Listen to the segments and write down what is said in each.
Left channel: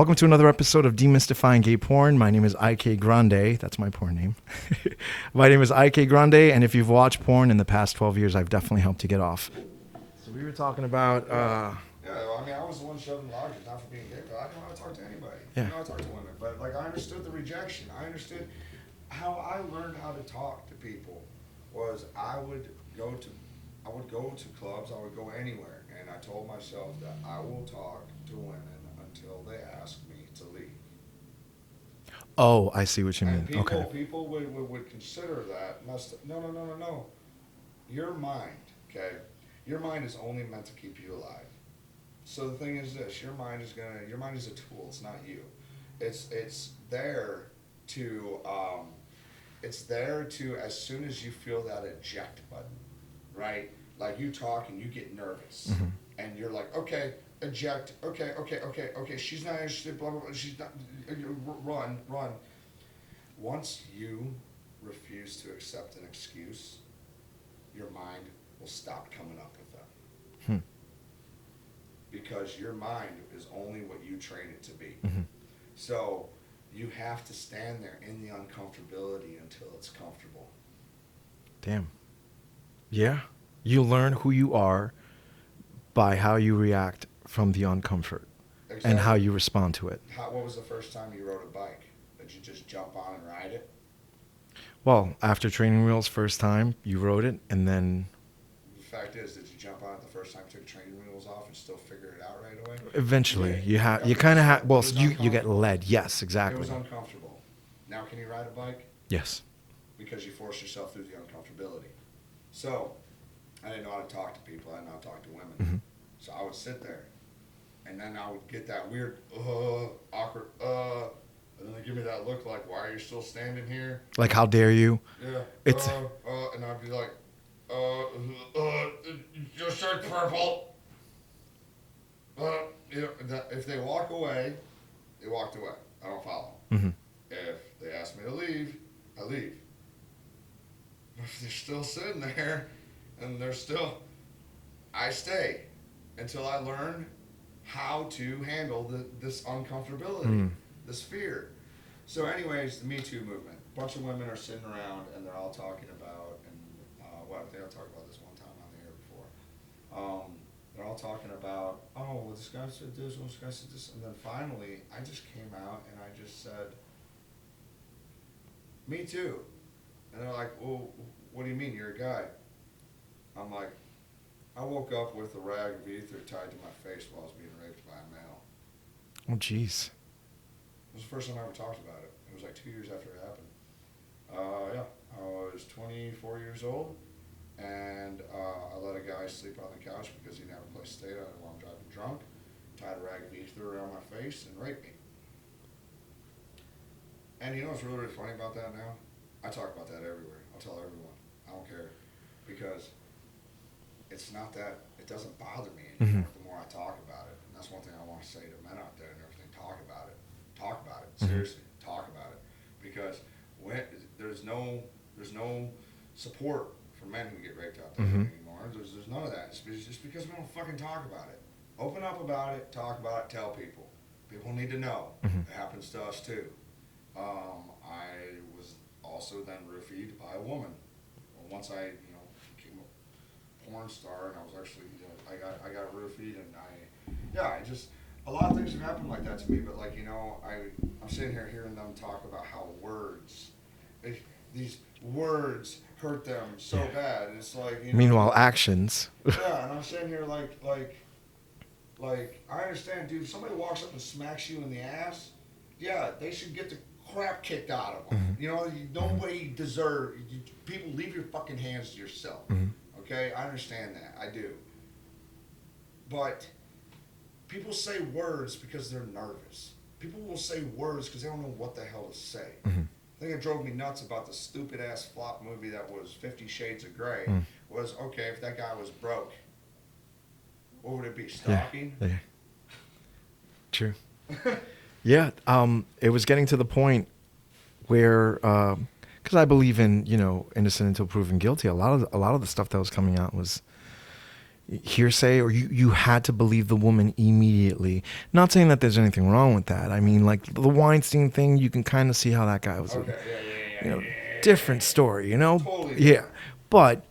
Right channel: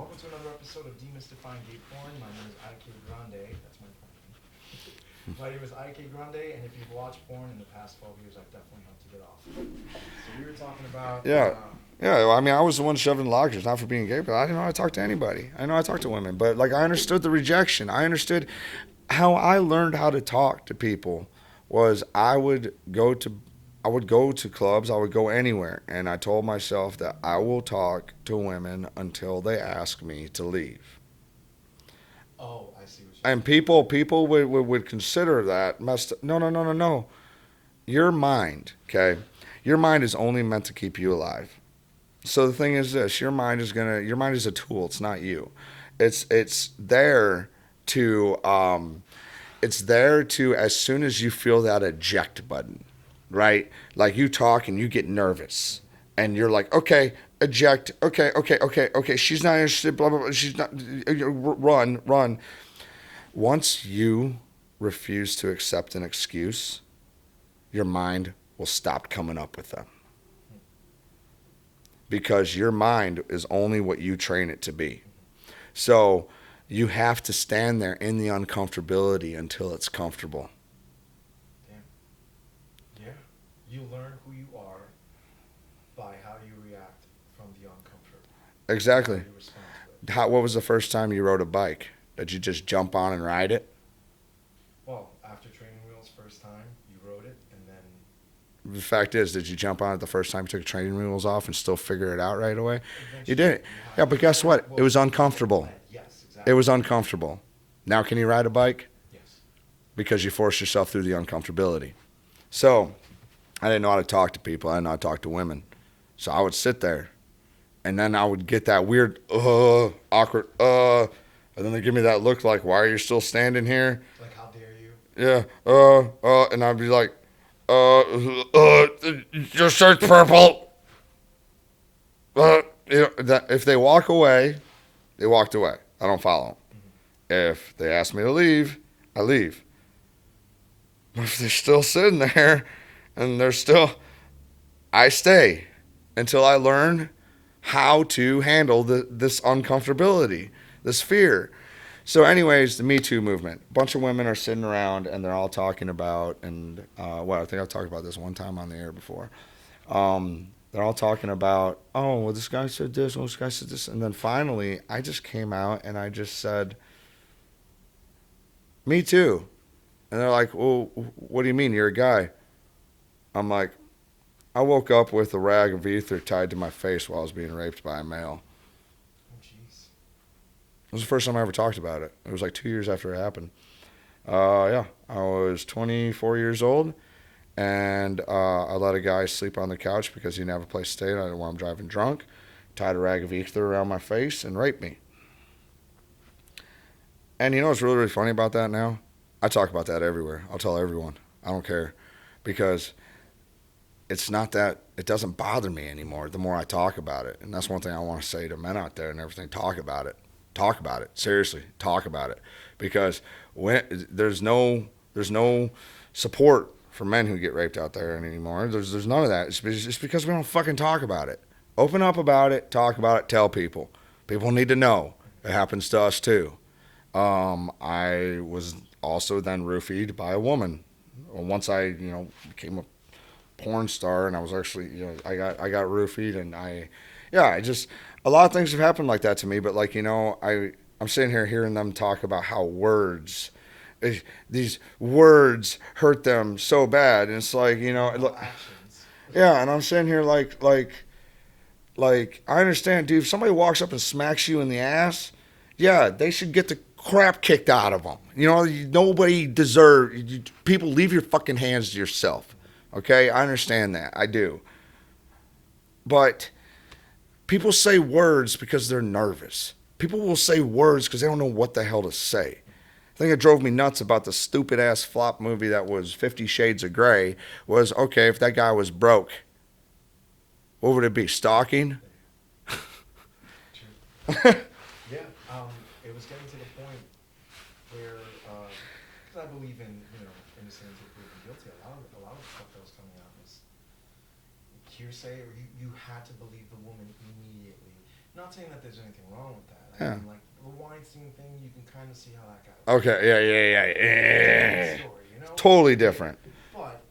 Welcome to another episode of Demystifying Gay Porn. My name is IK Grande. That's my porn name. My name is IK Grande, and if you've watched porn in the past 12 years, I've definitely helped you get off. So we were talking about... Yeah. Well, I mean, I was the one shoved in lockers, not for being gay, but I didn't know how to talk to anybody. I didn't know how to talk to women. But, like, I understood the rejection. I understood how I learned how to talk to people was I would go to clubs, I would go anywhere, and I told myself that I will talk to women until they ask me to leave. Oh, I see what you mean. And people would consider that messed up. No. Your mind, okay? Your mind is only meant to keep you alive. So the thing is this, your mind is a tool, it's not you. It's there to as soon as you feel that eject button, right? Like you talk and you get nervous, mm-hmm. and you're like, okay, eject, okay, she's not interested, blah, blah, blah, she's not, run. Once you refuse to accept an excuse, your mind will stop coming up with them. Because your mind is only what you train it to be. Mm-hmm. So you have to stand there in the uncomfortability until it's comfortable. Damn. Yeah. You learn who you are by how you react from the uncomfort. Exactly. And how you respond to it. What was the first time you rode a bike? Did you just jump on and ride it? Well, after training wheels, first time, you rode it, and then... The fact is, did you jump on it the first time you took training wheels off and still figure it out right away? Eventually. You did. Yeah, but guess what? It was uncomfortable. You get led. Yes, exactly. It was uncomfortable. Now can you ride a bike? Yes. Because you forced yourself through the uncomfortability. So I didn't know how to talk to people. I didn't know how to talk to women. Mm-hmm. So I would sit there, and then I would get that weird, awkward, and then they give me that look like, why are you still standing here? Like, how dare you? Yeah. And I'd be like, your shirt's purple. If they walk away, they walked away. I don't follow them. Mm-hmm. If they ask me to leave, I leave. But if they're still sitting there and I stay until I learn how to handle this uncomfortability, this fear. So anyways, the Me Too movement. A bunch of women are sitting around and they're all talking about, and I think I've talked about this one time on the air before. They're all talking about, oh, well, this guy said this, this guy said this. And then finally, I just came out and I just said, me too. And they're like, well, what do you mean? You're a guy. I'm like, I woke up with a rag of ether tied to my face while I was being raped by a male. Oh, jeez. It was the first time I ever talked about it. It was like 2 years after it happened. I was 24 years old, and I let a guy sleep on the couch because he didn't have a place to stay. I didn't want him driving drunk. Tied a rag of ether around my face and raped me. And you know what's really, really funny about that now? I talk about that everywhere. I'll tell everyone. I don't care. Because it's not that, it doesn't bother me anymore the more I talk about it. And that's one thing I want to say to men out there and everything. Talk about it. Talk about it. Seriously, talk about it. Because there's no support for men who get raped out there anymore. There's none of that. It's because we don't fucking talk about it. Open up about it, talk about it, tell people. People need to know. It happens to us too. I was also then roofied by a woman. Once I, became a porn star, and I was actually, I got roofied, and a lot of things have happened like that to me, but I'm sitting here hearing them talk about how these words hurt them so bad, and it's like, Meanwhile, actions. Yeah, and I'm sitting here like, I understand, dude, if somebody walks up and smacks you in the ass, yeah, they should get the crap kicked out of them. Nobody deserves, people, leave your fucking hands to yourself. Okay, I understand that, I do. But people say words because they're nervous. People will say words because they don't know what the hell to say. The thing that drove me nuts about the stupid-ass flop movie that was 50 Shades of Grey was, okay, if that guy was broke, what would it be, stalking? Yeah. True. Yeah, it was getting to the point where, because I believe in, innocent until proven guilty, a lot of the stuff that was coming out was, hearsay, or you had to believe the woman immediately. Not saying that there's anything wrong with that. I mean, like the Weinstein thing, you can kind of see how that guy was. Okay, yeah. Different story, you know? Totally different. Yeah. But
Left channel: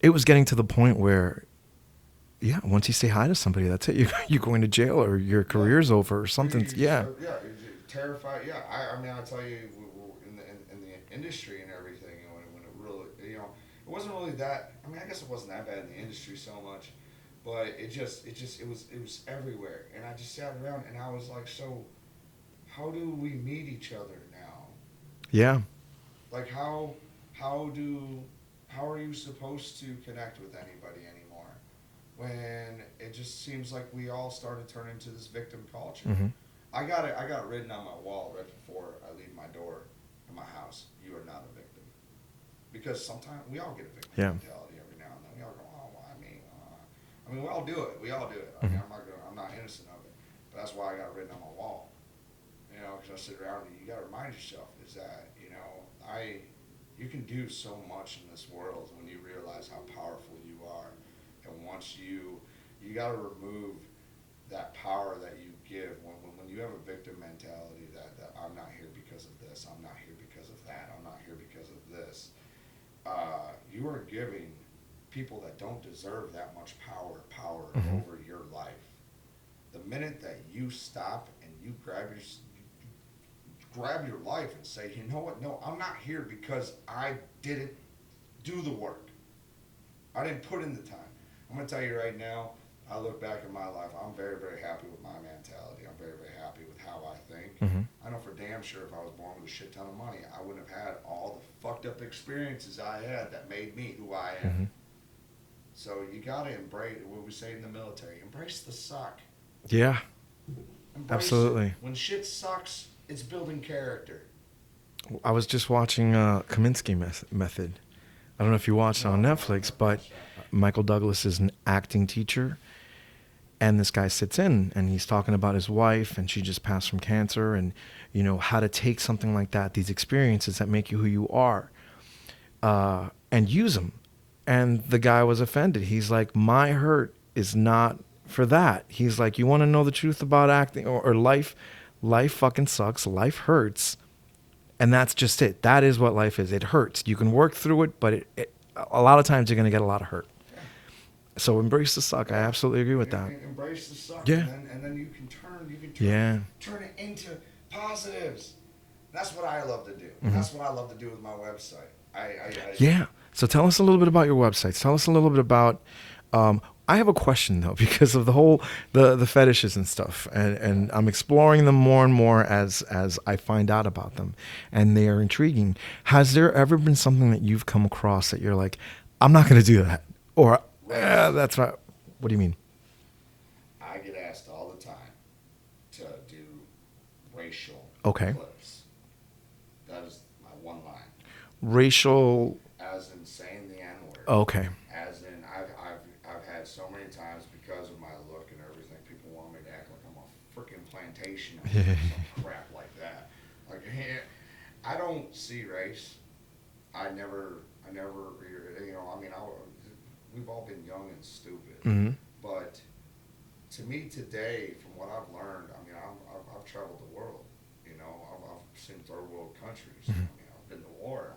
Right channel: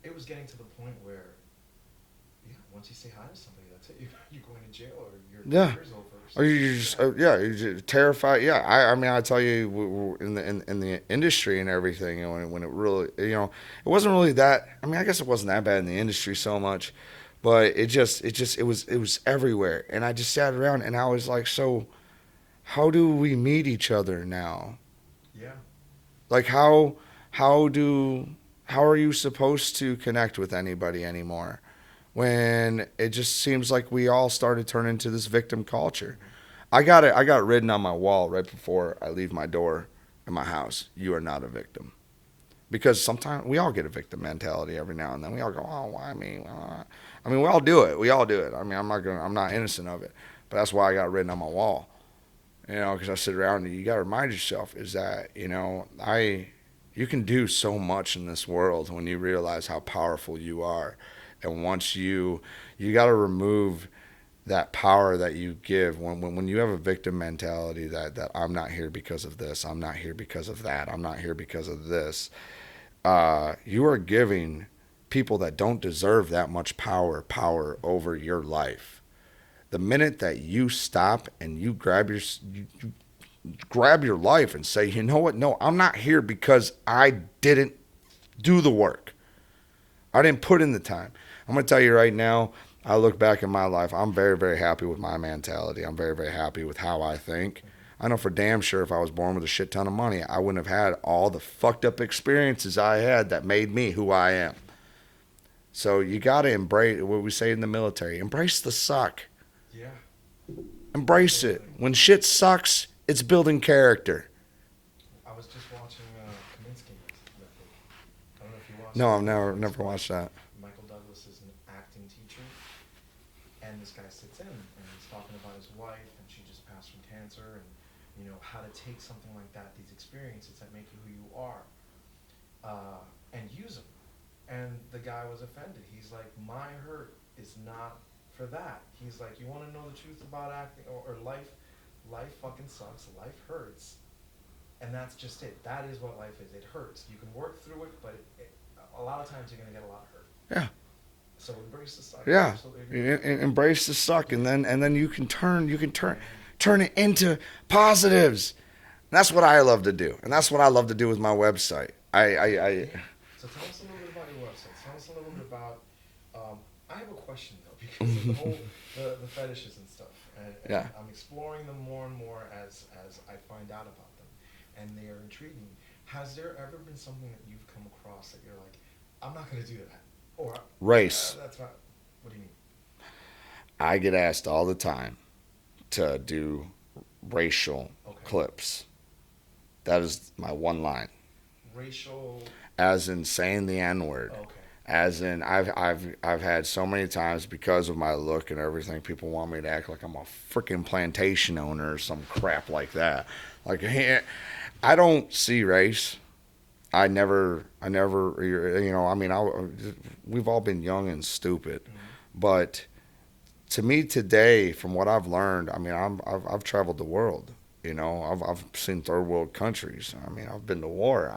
it was getting to the point where, yeah, once you say hi to somebody, that's it. You're going to jail, or your career's over, or something. You're just terrified. Yeah, I mean, I tell you, in the industry and everything, you know, when it really, you know, it wasn't really that. I mean, I guess it wasn't that bad in the industry so much, but it was everywhere. And I just sat around and I was like, so, how do we meet each other now? Yeah. Like how are you supposed to connect with anybody anymore? When it just seems like we all started turning into this victim culture. Mm-hmm. I got it written on my wall right before I leave my door in my house. You are not a victim. Because sometimes we all get a victim mentality every now and then. We all go, oh, why me? I mean, we all do it. I mean, I'm not innocent of it. But that's why I got it written on my wall. You know, because I sit around and you got to remind yourself is that, you know, you can do so much in this world when you realize how powerful you are. And once you got to remove that power that you give when you have a victim mentality that I'm not here because of this, I'm not here because of that, I'm not here because of this. You are giving people that don't deserve that much power mm-hmm. over your life. The minute that you stop and you grab your life and say, you know what? No, I'm not here because I didn't do the work. I didn't put in the time. I'm going to tell you right now, I look back in my life, I'm very, very happy with my mentality. I'm very, very happy with how I think. Mm-hmm. I know for damn sure if I was born with a shit ton of money, I wouldn't have had all the fucked up experiences I had that made me who I am. Mm-hmm. So you got to embrace what we say in the military. Embrace the suck. Yeah. Embrace Absolutely. it. When shit sucks, it's building character. I was just watching Kaminsky Method. I don't know if you watched it on Netflix, but Michael Douglas is an acting teacher, and this guy sits in, and he's talking about his wife, and she just passed from cancer, and, you know, how to take something like that, these experiences that make you who you are, and use them. And the guy was offended. He's like, my hurt is not for that. He's like, you want to know the truth about acting or life? Life fucking sucks. Life hurts. And that's just it. That is what life is. It hurts. You can work through it, but a lot of times you're going to get a lot of hurt. Yeah. So embrace the suck. Yeah. I absolutely agree with that. Embrace the suck, and then you can turn it into positives. And that's what I love to do, and mm-hmm. that's what I love to do with my website. Yeah. So tell us a little bit about your website. Tell us a little bit about. I have a question though, because of the whole the fetishes and stuff, and I'm exploring them more and more as I find out about them, and they are intriguing. Has there ever been something that you've come across that you're like, I'm not going to do that, or race? That's not. What do you mean? I get asked all the time to do racial clips. That is my one line. Racial, as in saying the N-word. Okay. As in I've had so many times, because of my look and everything, people want me to act like I'm a freaking plantation owner or some crap like that. Like, I don't see race. I never, you know, I mean, we've all been young and stupid, mm-hmm. but to me today, from what I've learned, I mean, I've traveled the world. You know, I've seen third world countries. Mm-hmm. I mean, I've been to war.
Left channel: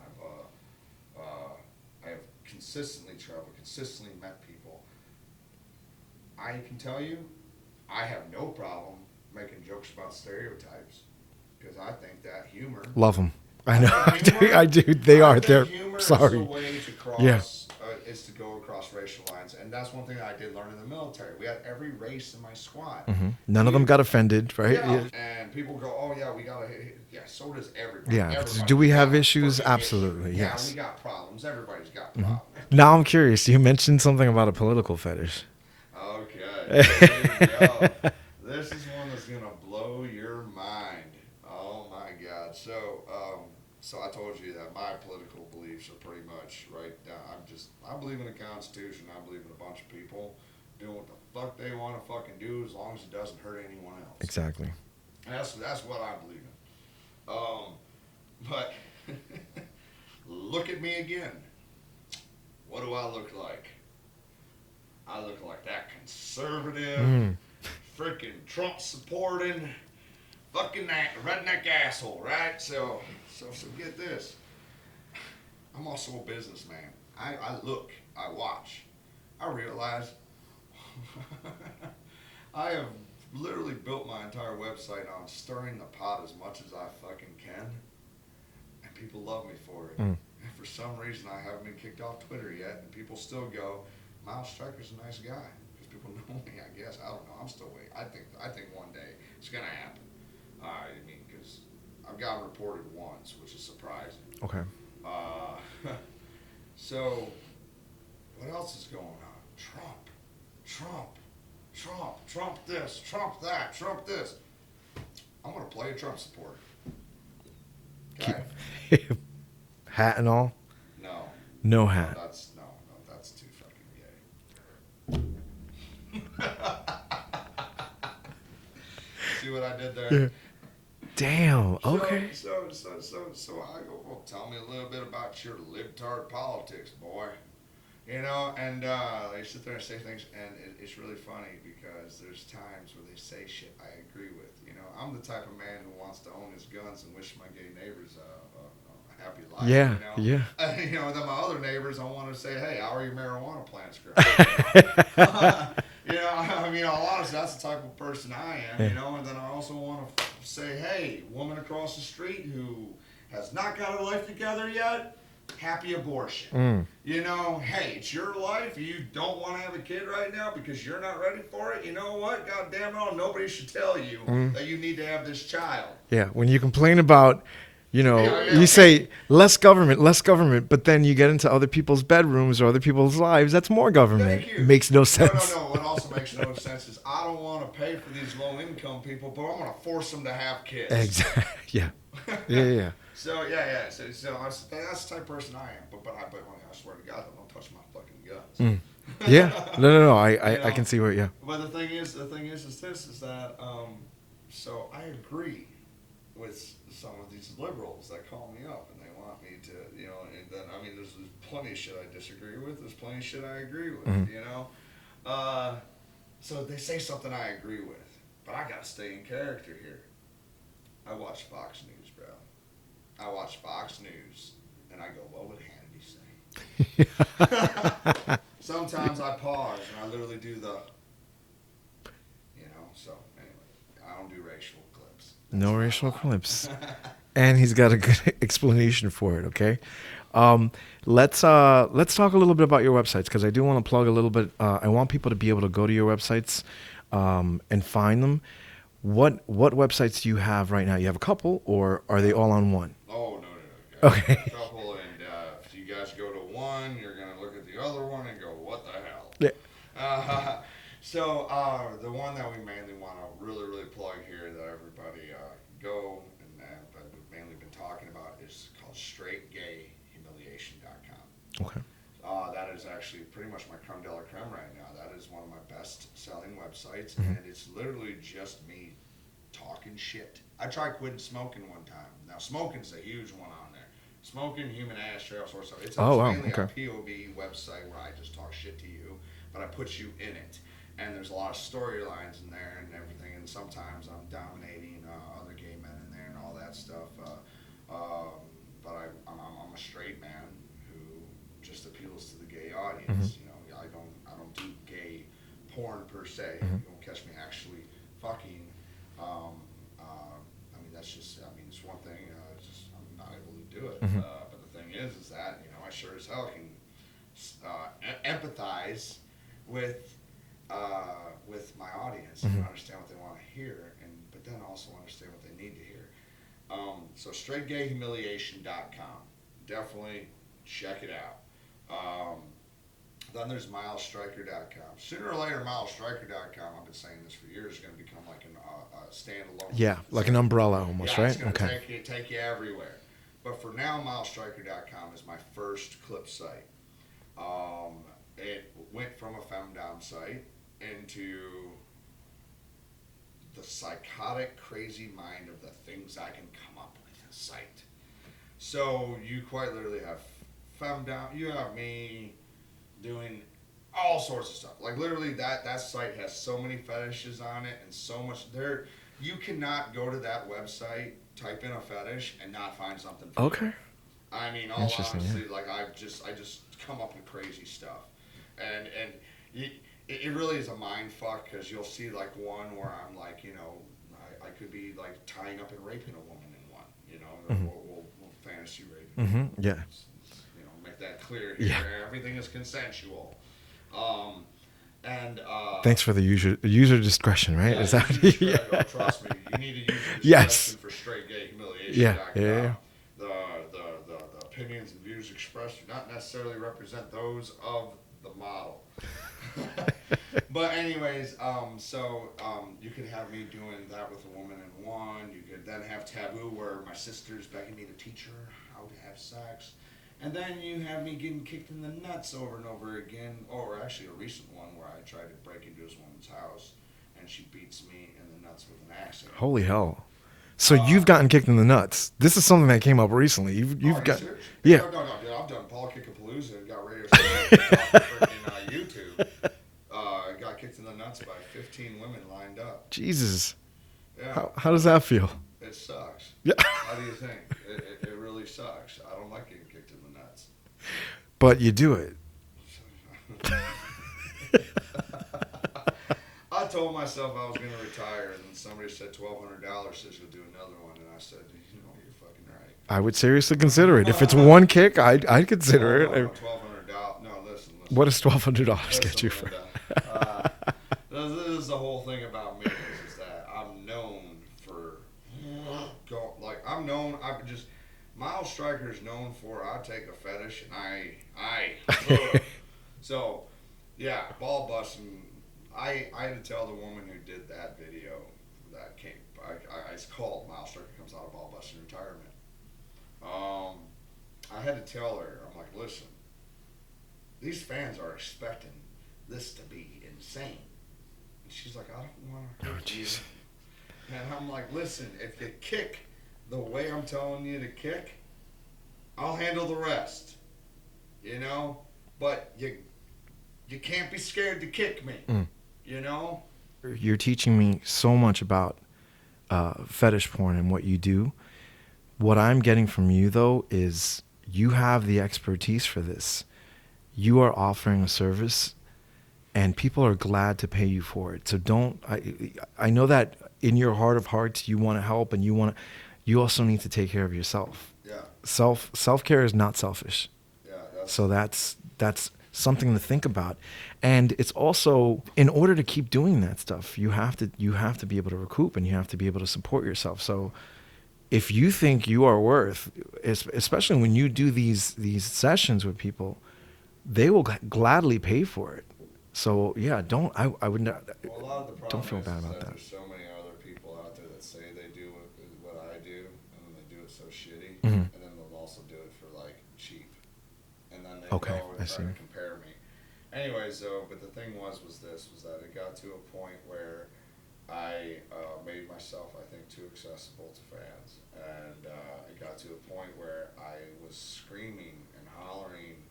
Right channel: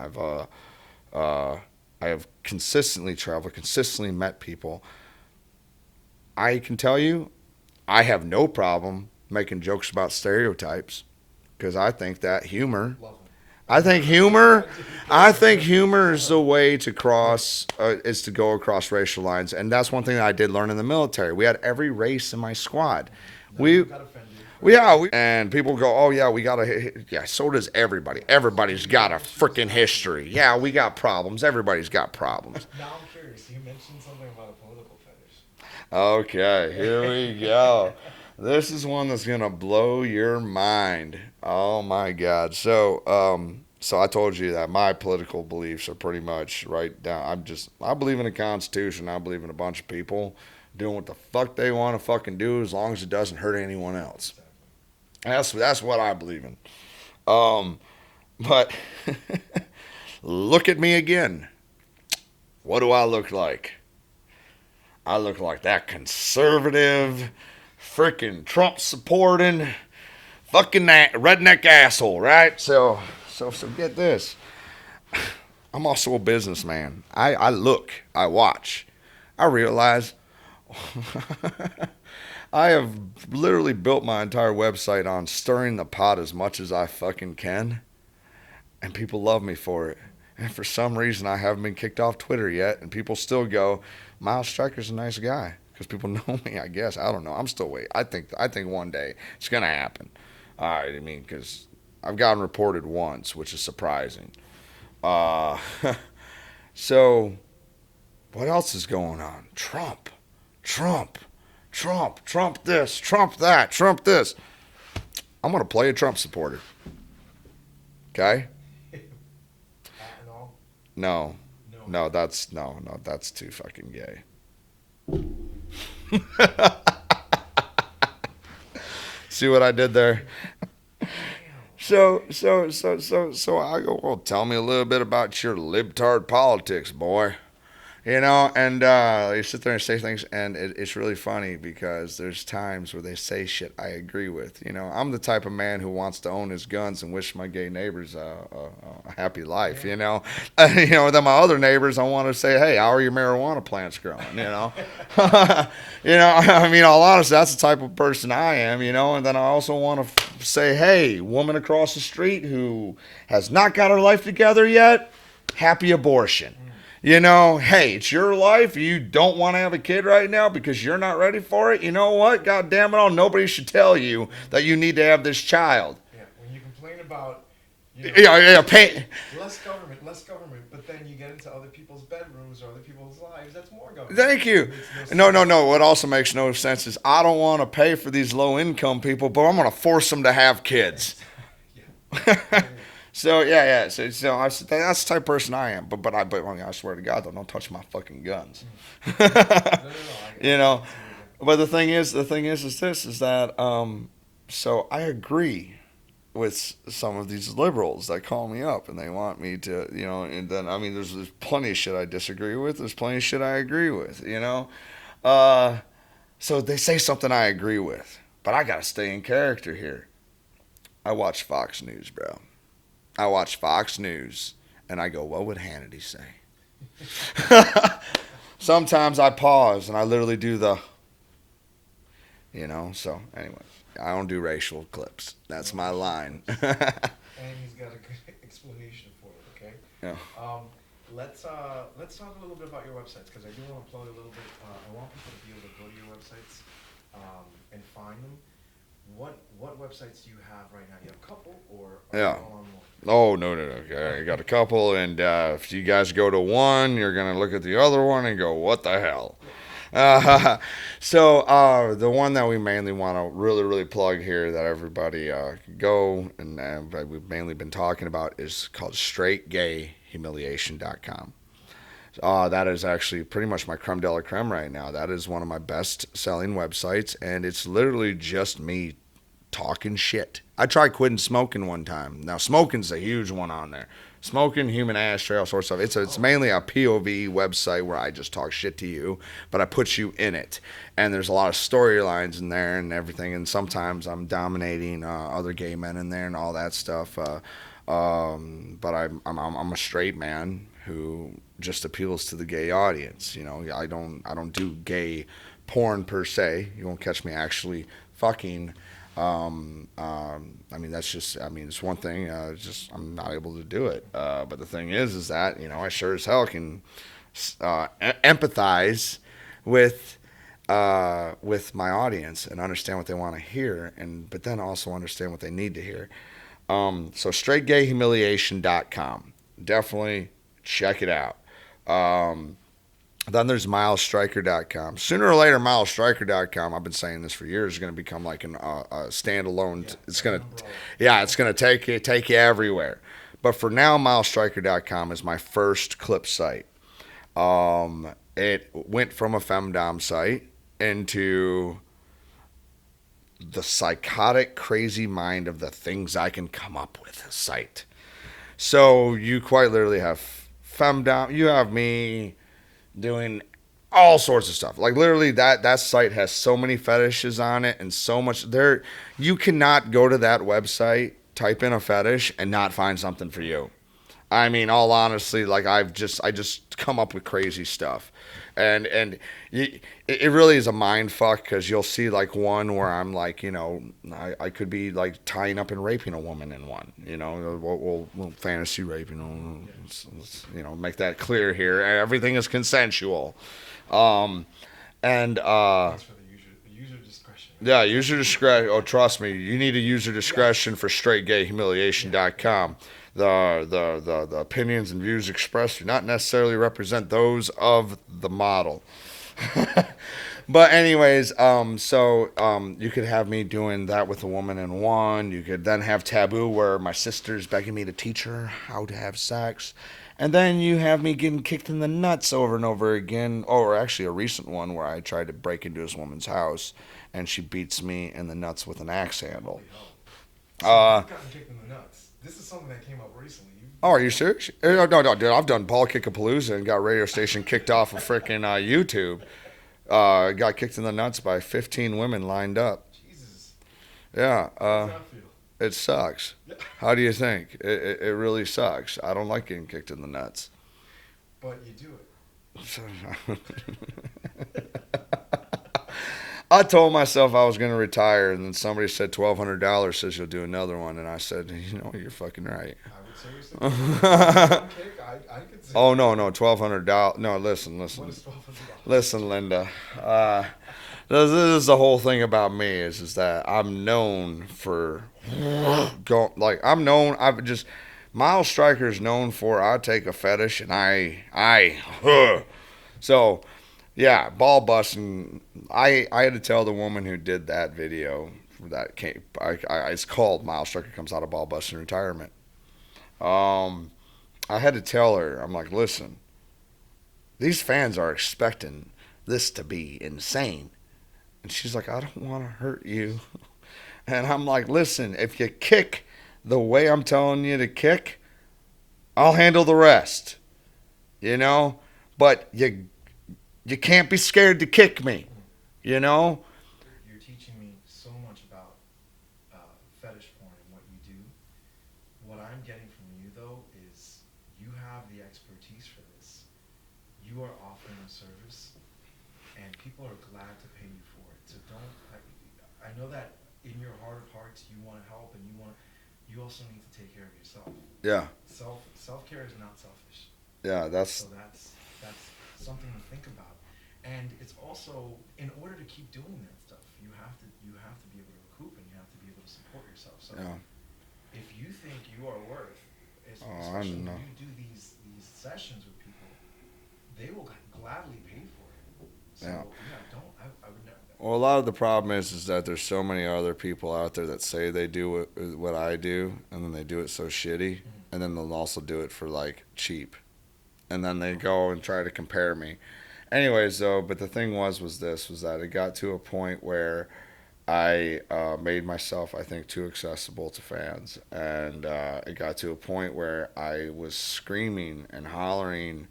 I have consistently traveled, consistently met people. I can tell you, I have no problem making jokes about stereotypes, because I think that humor. Love them. I think humor. I do. Humor is a way to cross, is to go across racial lines, and that's one thing that I did learn in the military. We had every race in my squad. Mm-hmm. None of them got offended, right? Yeah, and people go, "Oh yeah, we got a so does everybody. Yeah. Everybody's got a freaking history. Yes. Yeah, we got problems. Everybody's got problems." Mm-hmm. Now I'm curious. You mentioned something about a political fetish. Okay, here we go. This is one that's gonna blow your mind. Oh my God. So I told you that my political beliefs are pretty much right down. I believe in the Constitution. I believe in a bunch of people doing what the fuck they want to fucking do, as long as it doesn't hurt anyone else. Exactly. That's what I believe in. But look at me again. What do I look like? I look like that conservative, freaking Trump supporting, fucking redneck asshole, right? So get this. I'm also a businessman. I look, I watch, I realize I have literally built my entire website on stirring the pot as much as I fucking can. And people love me for it. And for some reason, I haven't been kicked off Twitter yet. And people still go, Miles Stryker's a nice guy. Because people know me, I guess. I don't know. I'm still waiting. I think one day it's going to happen. All right. I mean, because I've gotten reported once, which is surprising. Okay. So, what else is going on? Trump this, Trump that, Trump this. I'm going to play a Trump supporter. Okay? Hat and all? No. No hat. No, that's too fucking gay. See what I did there? Damn. So I go, well, tell me a little bit about your libtard politics, boy. You know, and you sit there and say things, and it's really funny because there's times where they say shit I agree with. You know, I'm the type of man who wants to own his guns and wish my gay neighbors a happy life, Yeah, you know. yeah. You know, then my other neighbors, I want to say, hey, how are your marijuana plants growing, you know? You know, I mean, all honestly, that's the type of person I am, you know. And then I also want to say, hey, woman across the street who has not got her life together yet, happy abortion. You know, hey, it's your life. You don't want to have a kid right now because you're not ready for it. You know what? God damn it all. Nobody should tell you that you need to have this child. Yeah, when you complain about, you know, you say less government, but then you get into other people's bedrooms or other people's lives, that's more government. Thank you. It makes no sense. No. What also makes no sense is I don't want to pay for these low income people, but I'm going to force them to have kids. Exactly. Yeah. So yeah. So that's the type of person I am. But I mean, I swear to God, don't touch my fucking guns. Yeah. No. I know? can see where. Yeah. But the thing is that so I agree with some of these liberals that call me up and they want me to, you know, and then I mean, there's plenty of shit I disagree with. There's plenty of shit I agree with. You know, so they say something I agree with, but I gotta stay in character here. I watch Fox News, bro. I watch Fox News, and I go, what would Hannity say? Sometimes I pause, and I literally do the, you know, so anyway. I don't do racial clips. That's no my racial line. clips. And he's got a good explanation for it, okay? Yeah. Let's talk a little bit about your websites, because I do want to plug a little bit. I want people to be able to go to your websites and find them. What websites do you have right now? You have a couple, or are they all on one? Oh, no. Okay. I got a couple, and if you guys go to one, you're going to look at the other one and go, what the hell? Yeah. So the one that we mainly want to really plug here that everybody go, and we've mainly been talking about, is called straightgayhumiliation.com. Okay. That is actually pretty much my creme de la creme right now. That is one of my best-selling websites, and it's literally just me talking shit. I tried quitting smoking one time. Now, smoking's a huge one on there. Smoking, human ashtray, all sorts of stuff. It's mainly a POV website where I just talk shit to you, but I put you in it. And there's a lot of storylines in there and everything, and sometimes I'm dominating other gay men in there and all that stuff. But I'm a straight man who just appeals to the gay audience. You know, I don't do gay porn per se. You won't catch me actually fucking. I mean, that's just. I mean, it's one thing. It's just I'm not able to do it. But the thing is that you know I sure as hell can empathize with my audience and understand what they want to hear, but then also understand what they need to hear. So straightgayhumiliation.com. Definitely check it out. Then there's milesstryker.com. Sooner or later, milesstryker.com, I've been saying this for years, is going to become like a standalone. Yeah, it's like an umbrella. Almost, yeah, right? it's going to take you everywhere. But for now, milesstryker.com is my first clip site. It went from a femdom site into the psychotic, crazy mind of the things I can come up with site. So you quite literally have femdom. You have me doing all sorts of stuff. Like literally that site has so many fetishes on it and so much there. You cannot go to that website, type in a fetish, and not find something for you. I mean, all honestly, like I just come up with crazy stuff, and it really is a mind fuck because you'll see like one where I'm like, you know, I could be like tying up and raping a woman in one, you know, we'll fantasy raping. Yeah. Let's, you know, make that clear here. Yeah. Everything is consensual. And Thanks for the user discretion, right? yeah, user discretion. Oh, trust me, you need a user discretion Yes. for straightgayhumiliation.com. Yeah. The opinions and views expressed do not necessarily represent those of the model. But anyways, you could have me doing that with a woman in one. You could then have taboo where my sister's begging me to teach her how to have sex. And then you have me getting kicked in the nuts over and over again. Or actually a recent one where I tried to break into this woman's house and she beats me in the nuts with an axe handle. Holy hell. So you've gotten kicked in the nuts. This is something that came up recently. Are you serious? Yeah. No, dude. I've done ball kickapalooza and got radio station kicked off of freaking YouTube. Got kicked in the nuts by 15 women lined up. Jesus. Yeah. How does that feel? It sucks. Yeah. How do you think? It really sucks. I don't like getting kicked in the nuts. But you do it. I told myself I was going to retire, and then somebody said $1,200 says you'll do another one, and I said, you know, you're fucking right. I would seriously consider it. If it's one kick, I'd consider it. Oh, no, $1,200. No, listen. What is $1,200? Listen, Linda. This is the whole thing about me is that I'm known for Miles Stryker is known for I take a fetish and I so yeah, ball busting. I had to tell the woman who did that video that came. It's called Miles Stryker Comes Out of Ball Busting Retirement. I had to tell her, I'm like, listen, these fans are expecting this to be insane, and she's like, I don't want to hurt you, and I'm like, listen, if you kick the way I'm telling you to kick, I'll handle the rest, you know, but you can't be scared to kick me. You know? You're teaching me so much about fetish porn and what you do. What I'm getting from you, though, is you have the expertise for this. You are offering a service, and people are glad to pay you for it. So I know that in your heart of hearts, you want to help, and you also need to take care of yourself. Yeah. Self-care is not selfish. Yeah, that's something to think about. And it's also, in order to keep doing that stuff, you have to be able to recoup, and you have to be able to support yourself. So if you think you are worth, especially when you do these sessions with people, they will gladly pay for it. So I would not. Well, a lot of the problem is that there's so many other people out there that say they do what I do, and then they do it so shitty, and then they'll also do it for like cheap, and then they go and try to compare me. Anyways, though, but the thing was that it got to a point where I made myself, I think, too accessible to fans, and it got to a point where I was screaming and hollering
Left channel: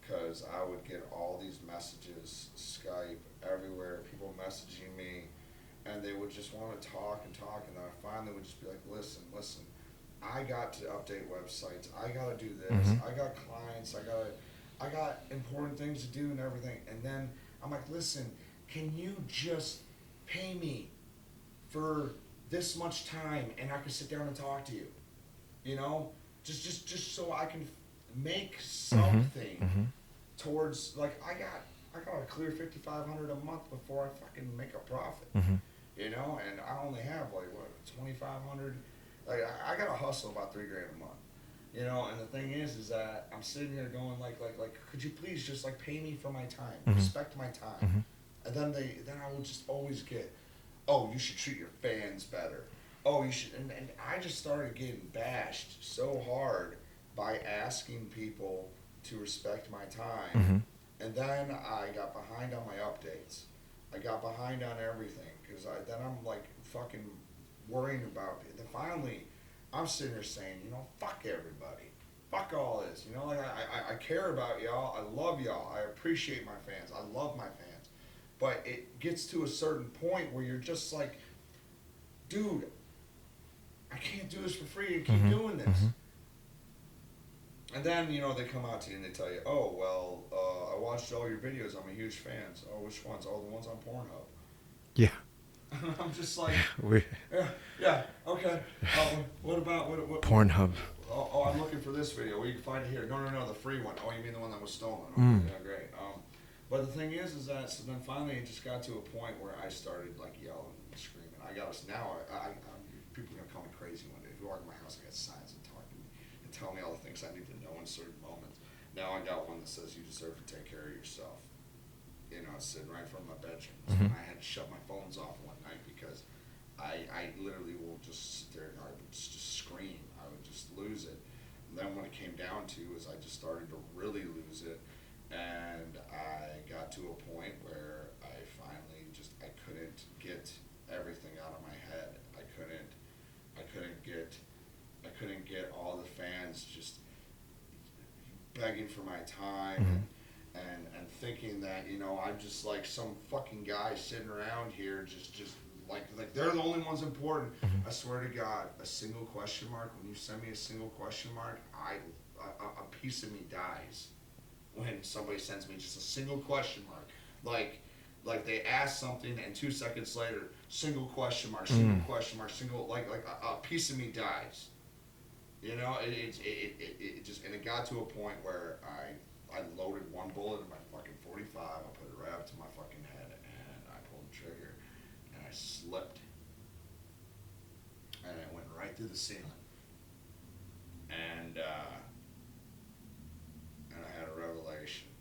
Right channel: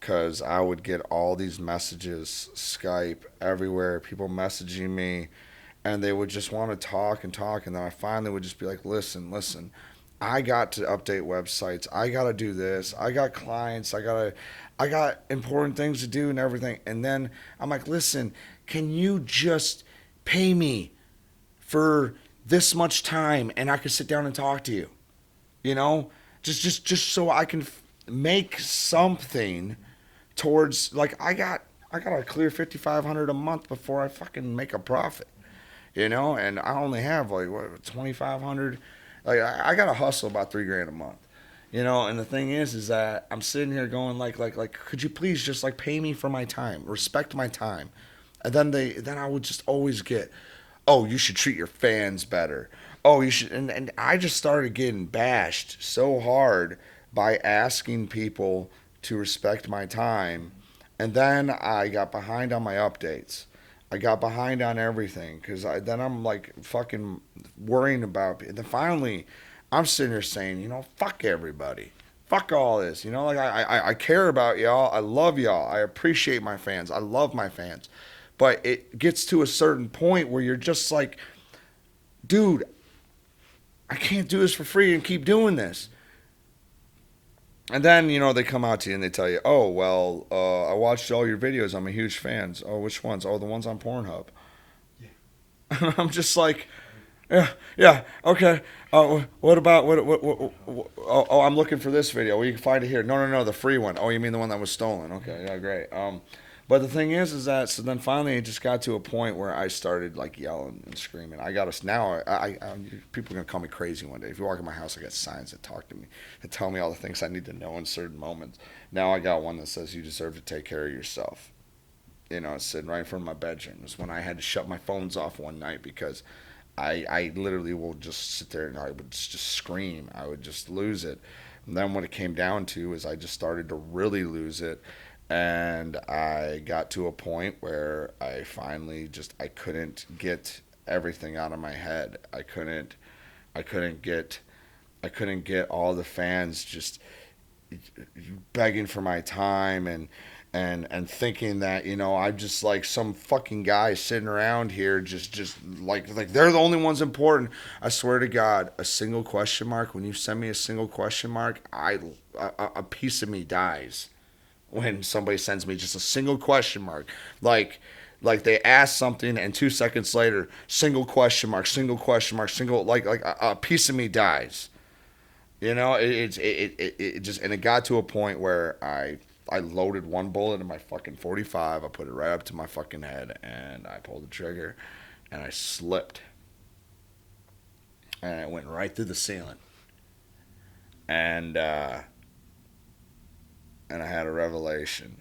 because I would get all these messages, Skype, everywhere, people messaging me, and they would just want to talk, and then I finally would just be like, listen, I got to update websites, I got to do this, I got clients, I got important things to do and everything. And then I'm like, listen, can you just pay me for this much time and I can sit down and talk to you? You know, just so I can make something towards, like, I got to clear $5,500 a month before I fucking make a profit. You know, and I only have like what, $2,500. Like I got to hustle about $3,000 a month. You know, and the thing is that I'm sitting here going like, could you please just like pay me for my time, respect my time, and then I would just always get, oh, you should treat your fans better. Oh, you should, and I just started getting bashed so hard by asking people to respect my time, and then I got behind on my updates. I got behind on everything because then I'm like fucking worrying about it. And then finally, I'm sitting here saying, you know, fuck everybody. fuck all this. You know, like I care about y'all. I love y'all. I appreciate my fans. I love my fans. But it gets to a certain point where you're just like, dude, I can't do this for free and keep doing this. And then, you know, they come out to you and they tell you, oh, well, I watched all your videos. I'm a huge fan. Oh, which ones? Oh, the ones on Pornhub. Yeah. I'm just like, yeah, okay. What about what Pornhub? Oh, I'm looking for this video. Well, you can find it here. No, the free one. Oh, you mean the one that was stolen? Okay, yeah, great. But the thing is that so then finally it just got to a point where I started like yelling and screaming. I got us now. People are gonna call me crazy one day. If you walk in my house, I got signs that talk to me and tell me all the things I need to know in certain moments. Now I got one that says you deserve to take care of yourself. You know, it's sitting right in front of my bedroom. It's when I had to shut my phones off one night because I literally will just sit there and I would just scream. I would just lose it. And then what it came down to is I just started to really lose it. And I got to a point where I finally I couldn't get everything out of my head. I couldn't get all the fans just begging for my time and thinking that, you know, I'm just like some fucking guy sitting around here just like they're the only ones important. I swear to God, a single question mark, when you send me a single question mark, a piece of me dies when somebody sends me just a single question mark. Like they ask something and 2 seconds later, single question mark, single question mark, single, like a piece of me dies. You know, it just, and it got to a point where I loaded one bullet in my fucking 45. I put it right up to my fucking head, and I pulled the trigger, and I slipped, and I went right through the ceiling, and I had a revelation,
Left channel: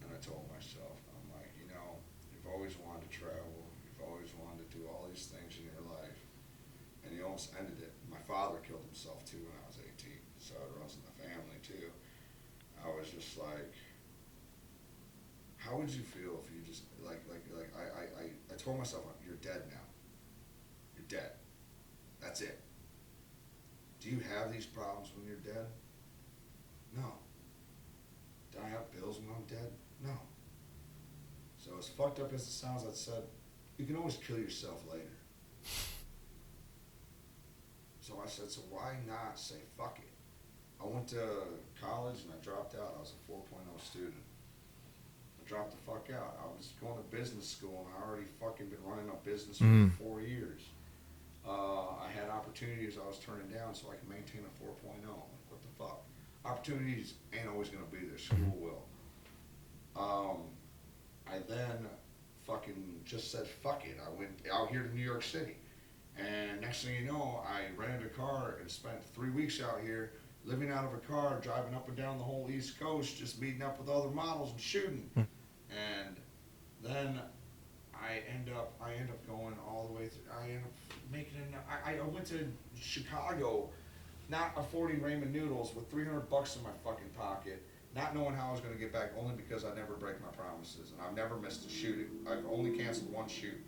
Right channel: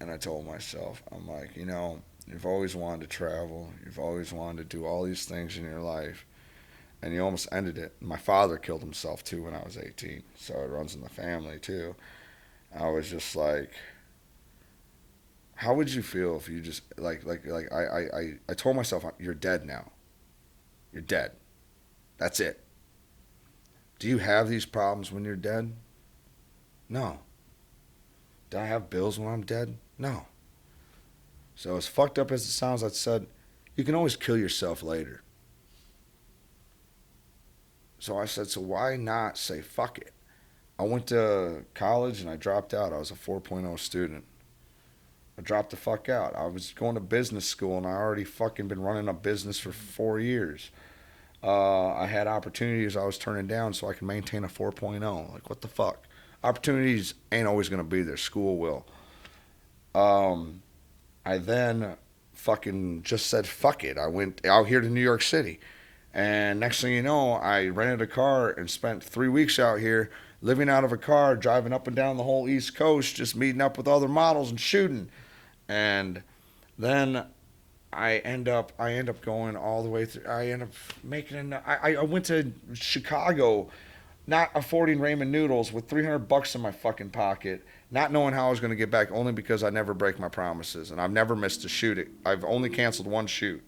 and I told myself, I'm like, you know, you've always wanted to travel, you've always wanted to do all these things in your life, and you almost ended it. My father killed himself too when I was 18, so it runs in the family too. I was just like, how would you feel if you just I told myself, you're dead now. You're dead. That's it. Do you have these problems when you're dead? No. Do I have bills when I'm dead? No. So as fucked up as it sounds, I said, you can always kill yourself later. So I said, so why not say fuck it? I went to college and I dropped out. I was a 4.0 student. I dropped the fuck out. I was going to business school and I already fucking been running a business for 4 years. I had opportunities I was turning down so I could maintain a 4.0. Like, what the fuck? Opportunities ain't always going to be there. School will. I then fucking just said fuck it. I went out here to New York City. And next thing you know, I rented a car and spent 3 weeks out here living out of a car, driving up and down the whole East Coast, just meeting up with other models and shooting. And then I end up going all the way through. I end up making I went to Chicago, not affording ramen noodles with $300 in my fucking pocket, not knowing how I was going to get back, only because I never break my promises. And I've never missed a shoot. I've only canceled one shoot.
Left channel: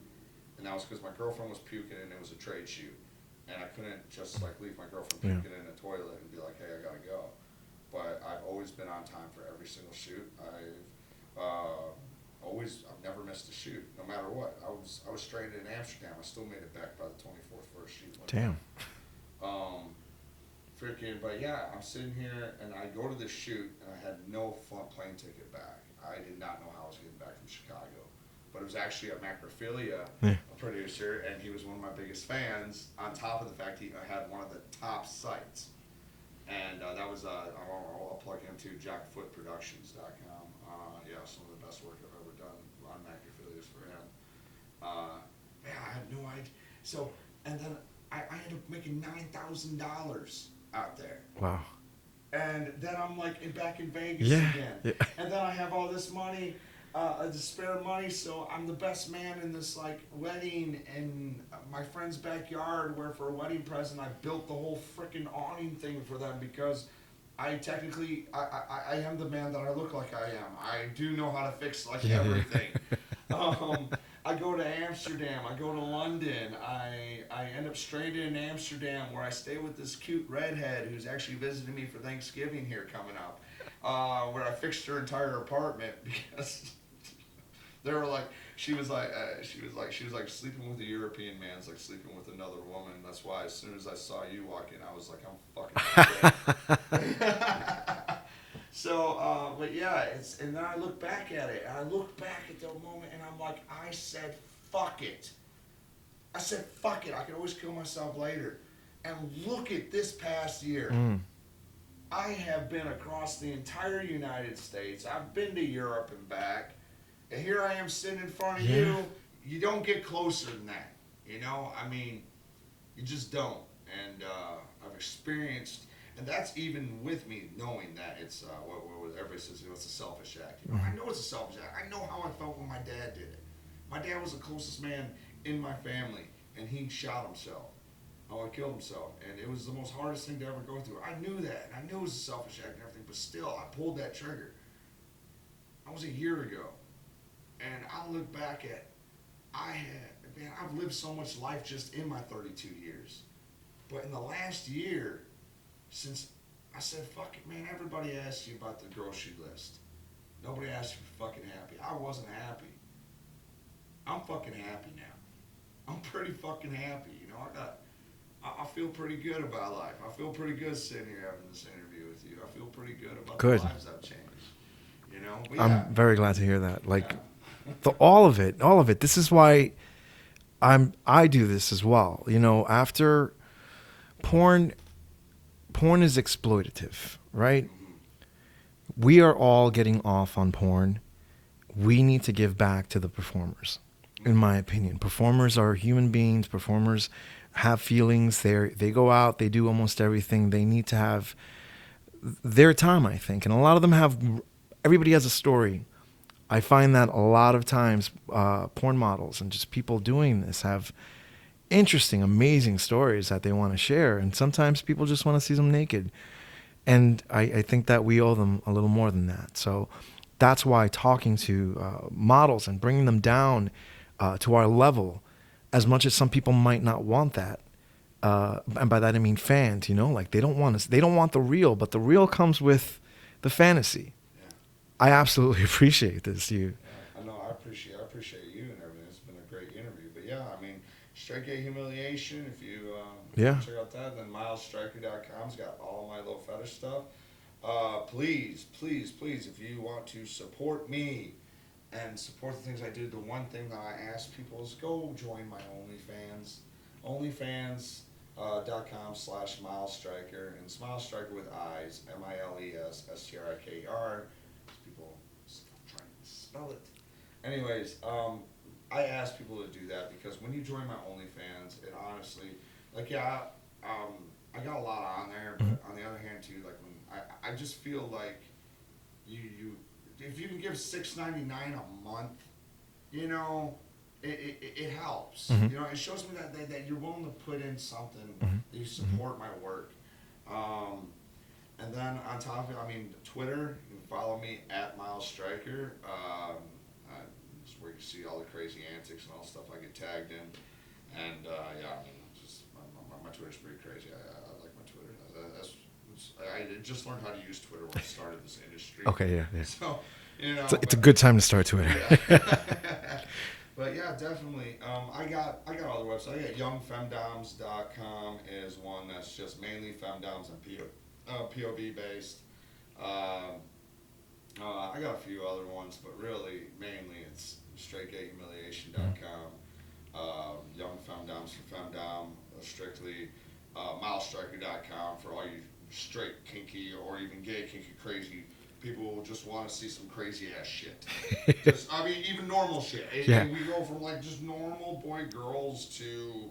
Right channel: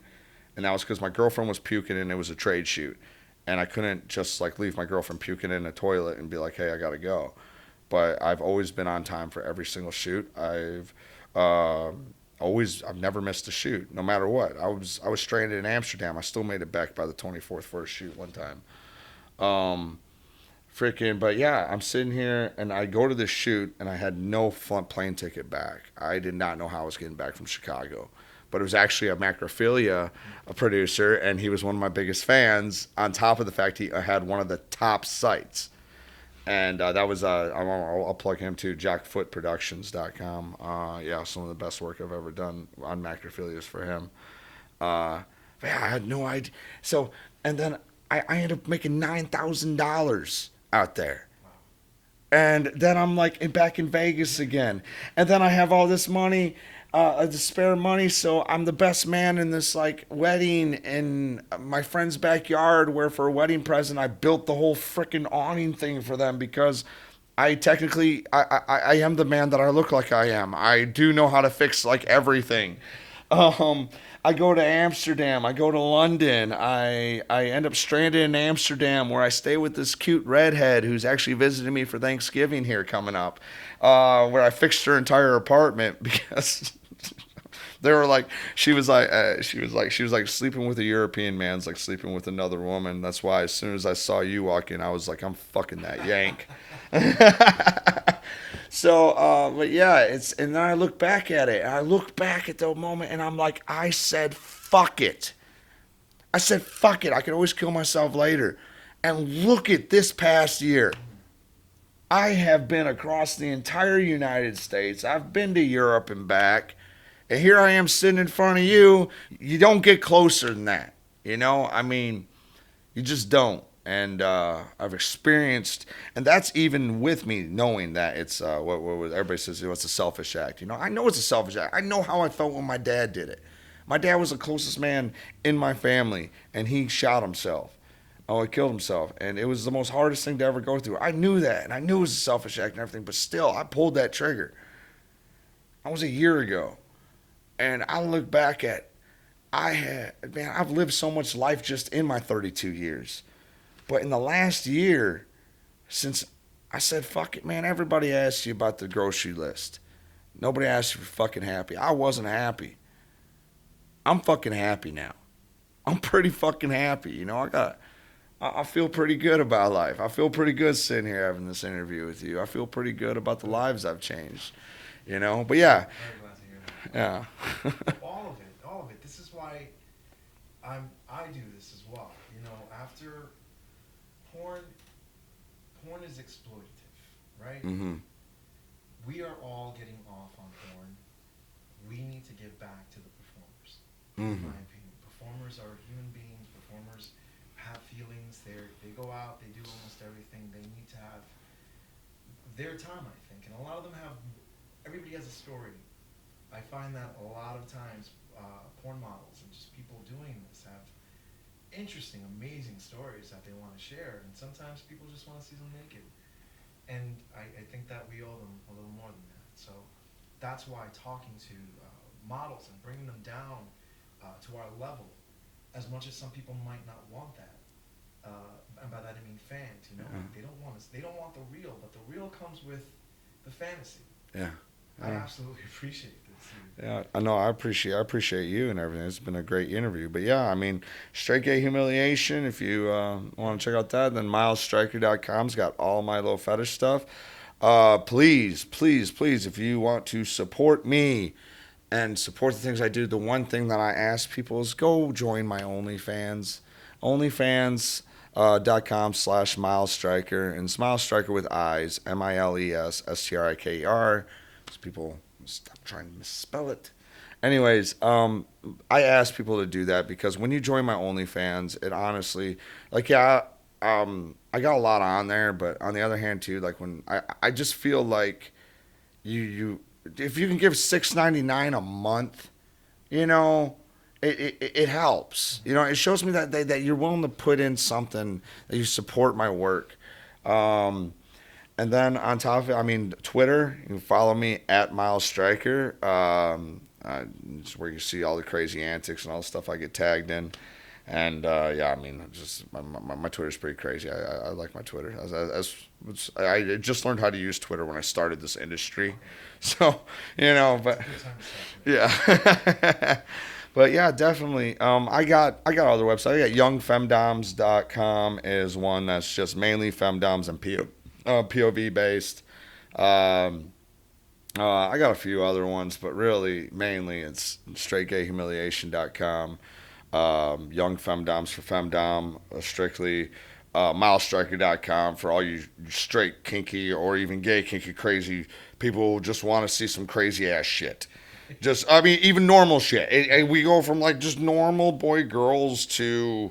And that was because my girlfriend was puking and it was a trade shoot. And I couldn't just like leave my girlfriend puking in a toilet and be like, hey, I got to go. But I've always been on time for every single shoot. I've never missed a shoot, no matter what. I was stranded in Amsterdam. I still made it back by the 24th for a shoot one time. But yeah, I'm sitting here and I go to this shoot and I had no plane ticket back. I did not know how I was getting back from Chicago. But it was actually a macrophilia a producer, and he was one of my biggest fans, on top of the fact he had one of the top sites. And that was, I'll plug him too, jackfootproductions.com. Yeah, some of the best work I've ever done on macrophilias for him. But yeah, I had no idea. So, and then I ended up making $9,000 out there. Wow. And then I'm like back in Vegas again. Yeah. And then I have all this money. The spare money, so I'm the best man in this like wedding in my friend's backyard, where for a wedding present I built the whole freaking awning thing for them, because I technically I am the man that I look like I am. I do know how to fix like everything. I go to Amsterdam. I go to London. I end up stranded in Amsterdam where I stay with this cute redhead who's actually visiting me for Thanksgiving here coming up. Where I fixed her entire apartment because they were like, she was like sleeping with a European man's like sleeping with another woman. That's why as soon as I saw you walk in, I was like, I'm fucking that yank. So, but yeah, and then I look back at it. I look back at the moment, and I'm like, I said, fuck it. I said, fuck it. I can always kill myself later. And look at this past year. I have been across the entire United States. I've been to Europe and back. And here I am sitting in front of you. You don't get closer than that. You know, I mean, you just don't. And I've experienced, and that's even with me knowing that it's what everybody says, it's a selfish act. You know, I know it's a selfish act. I know how I felt when my dad did it. My dad was the closest man in my family, and he shot himself. Oh, he killed himself, and it was the most hardest thing to ever go through. I knew that, and I knew it was a selfish act and everything, but still, I pulled that trigger. That was a year ago, and I look back at, I've lived so much life just in my 32 years. But in the last year, since I said, fuck it, man, everybody asks you about the grocery list. Nobody asked you if you're fucking happy. I wasn't happy. I'm fucking happy now. I'm pretty fucking happy. You know, I feel pretty good about life. I feel pretty good sitting here having this interview with you. I feel pretty good about the lives I've changed. You know, but yeah. I'm very glad to hear that. Like, yeah. all of it. This is why I do this as well. You know, after porn is exploitative, right? Mm-hmm. We are all getting off on porn. We need to give back to the performers, in my opinion. Performers are human beings. Performers have feelings. They go out. They do almost everything. They need to have their time, I think. And a lot of them everybody has a story. I find that a lot of times porn models and just people doing this have interesting, amazing stories that they want to share. And sometimes people just want to see them naked. And I think that we owe them a little more than that. So that's why talking to models and bringing them down to our level, as much as some people might not want that, and by that I mean fans, you know, like they don't want the real, but the real comes with the fantasy. Yeah. I absolutely appreciate this. Yeah, I know. I appreciate you and everything. It's been a great interview. But yeah, I mean, Straight Gay Humiliation. If you want to check out that, then MilesStryker.com's got all my little fetish stuff. Please, if you want to support me and support the things I do, the one thing that I ask people is go join my OnlyFans. OnlyFans.com/MilesStryker, and SmileStryker with eyes, MilesStriker. People stop trying to misspell it. Anyways, I ask people to do that because when you join my OnlyFans, it honestly, like, I got a lot on there, but on the other hand too, like when I just feel like you if you can give $6.99 a month, you know, it helps. You know, it shows me that you're willing to put in something, that you support my work. And then on top of it, I mean, Twitter, you can follow me at MilesStryker. It's where you see all the crazy antics and all the stuff I get tagged in. And yeah, I mean, just my Twitter's pretty crazy. I like my Twitter. I just learned how to use Twitter when I started this industry. Okay, yeah. So, you know. It's a good time to start Twitter. Yeah. But yeah, definitely. I got other websites. I got youngfemdoms.com is one that's just mainly femdoms and POV based. I got a few other ones, but really, mainly it's straightgayhumiliation.com. Young Femdoms for Femdom, strictly. MilesStryker.com for all you straight kinky or even gay kinky crazy people who just want to see some crazy ass shit. I mean, even normal shit. We go from like just normal boy girls to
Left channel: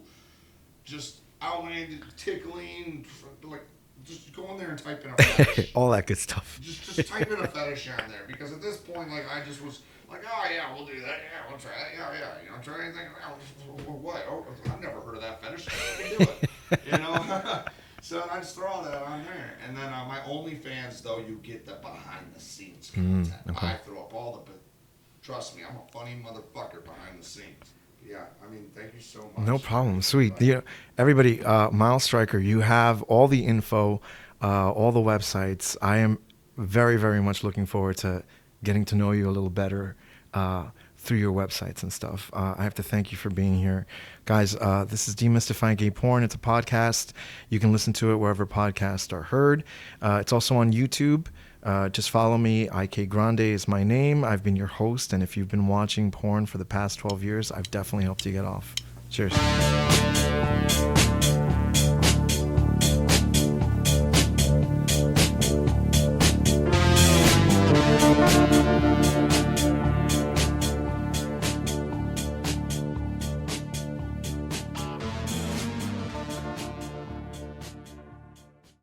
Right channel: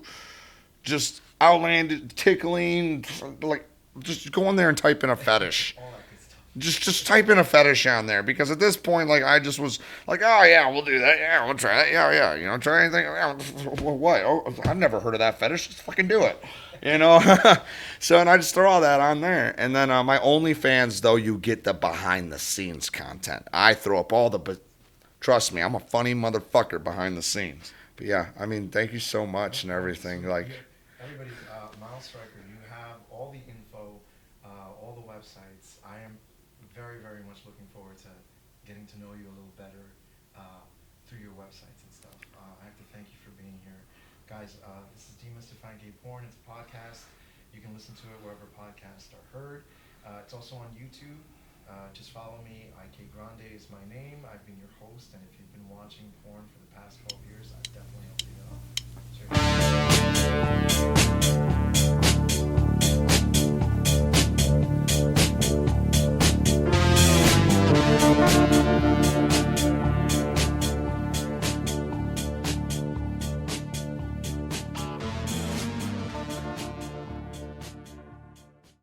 just outlandish tickling, like. Just go in there and type in a fetish. All that good stuff. Just type in a fetish on there, because at this point, like, I just was like, oh yeah, we'll do that. Yeah, we'll try that. Yeah. You know, try anything. Yeah, what? Oh, I've never heard of that fetish. Fucking do it. You know. So, and I just throw all that on there, and then my OnlyFans, though, you get the behind the scenes content. Okay. I throw up all the Trust me, I'm a funny motherfucker behind the scenes. But yeah, I mean, thank you so much. No and problem. everything. Sweet. Like, Yeah, everybody, Miles Stryker, you have all the info, all the websites. I am very, very much looking forward to getting to know you a little better through your websites and stuff. I have to thank you for being here. Guys, this is Demystifying Gay Porn. It's a podcast. You can listen to it wherever podcasts are heard. It's also on YouTube. Just follow me. IK Grande is my name. I've been your host, and if you've been watching porn for the past 12 years, I've definitely helped you get off. Cheers.